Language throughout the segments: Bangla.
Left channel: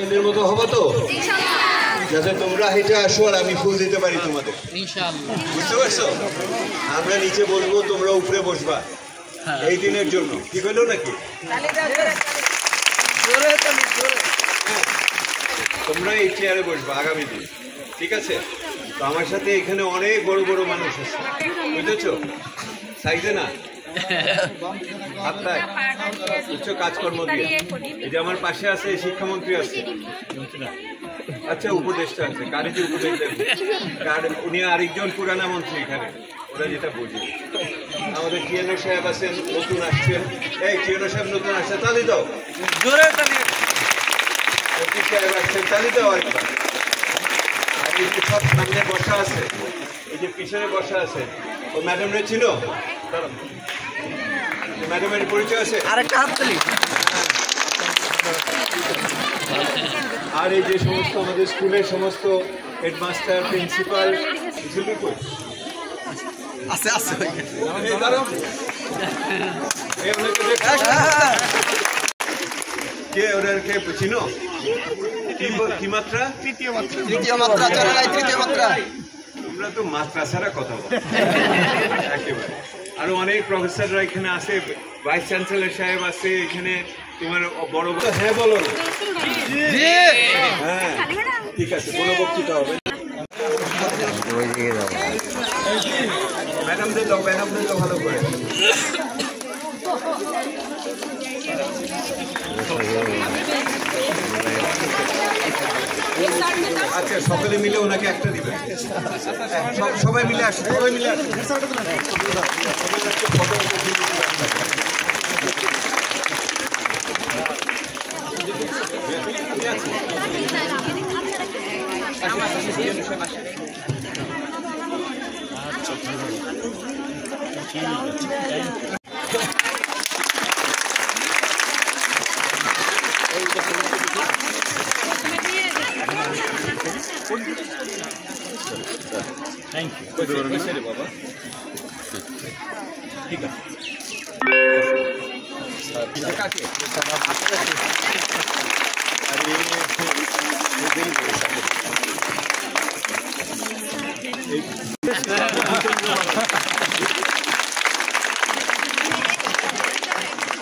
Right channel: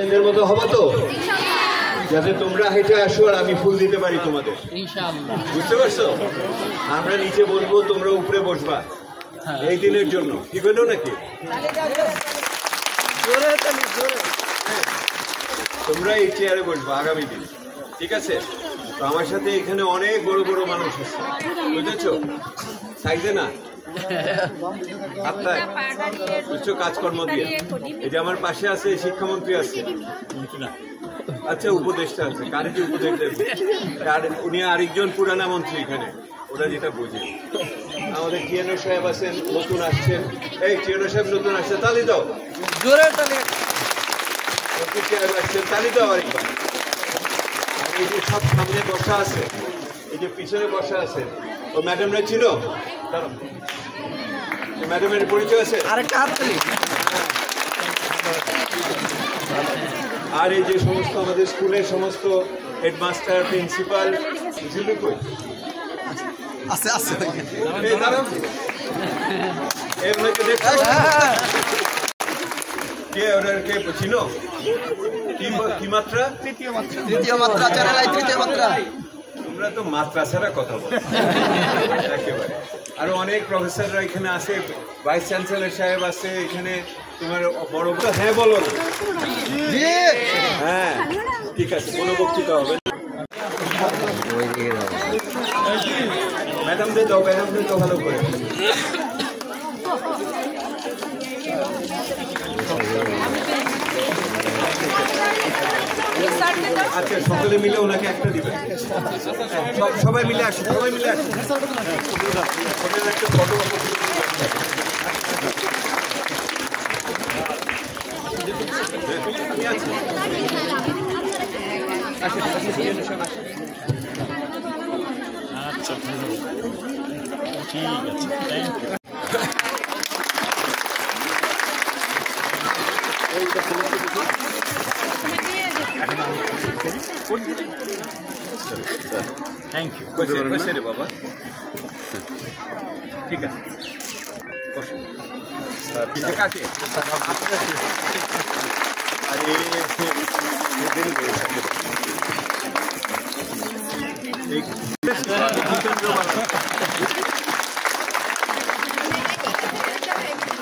এদের মতো হবো তো, যাতে তোমরা হেঁটে আসো আর আমি ফুল দিতে পারি তোমাদের। বুঝতে পারছো? আমরা নিচে বসবো, তোমরা উপরে বসবা এই দিনের জন্য। ঠিক হলো নাকি? তোমরা এই চেয়ারে বসবা আগামী দিন। ঠিক আছে? তো আমার সাথে এখানে অনেক বড় বড় মানুষ আছে, বুঝেছো? সাইজে না, আত্মায়, বুঝছো? কাজকর্ম দিয়ে। এই যে আমার পাশে আছে শিক্ষামন্ত্রী আছে, আচ্ছা উপদেষ্টা আছে, কারে যে উপদেশ দেব, উনি আরেকজন পুরানা মন্ত্রী এখানে, ওরা যেটা বোঝে। আমাদের টিএনও সাহেব আছেন, নতুন আসছেন। এই টিএনও সাহেব নতুন আসছে, তালি দাও। সাহেব আসছেন, তালি দাও আরেকবার। আর এই যে সব সামনে বসা আছে, এই যে পিছনে বসা আছে, ও ম্যাডামরা ছিল, ম্যাডামের পরিচয় আছে। আর এই যে সমস্ত আমাদের স্কুলের সমস্ত হেডমাস্টার, প্রিন্সিপাল, কই আছে আছে কে ওনার কে ছিল? কি মাত্রা? তৃতীয় মাত্রা। তৃতীয় মাত্রা। তোমরা তো মাত্রা ছাড়া কথা বলো একেবারে। আরো অনেক প্রফেসররা এখানে আছে, ভাইস চ্যান্সেলর সাহেব আছে এখানে। তোমার বড় হ্যাঁ বলো না? হ্যাঁ ঠিক আছে, কোনো বক্তৃতা হবে। ম্যাডামদের দাও, ম্যাডামদের দাও ভালো করে। আচ্ছা সকলে মিলে ওনাকে একটা দিবেন। সবাই মিলে আসুন, সবাই মিলে আসুন। আচ্ছা ঠিক আছে, থ্যাংক ইউ। থ্যাংক ইউ বাবা। ঠিক আছে,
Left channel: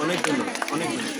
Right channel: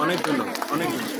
অনেক ধন্যবাদ, অনেক ধন্যবাদ।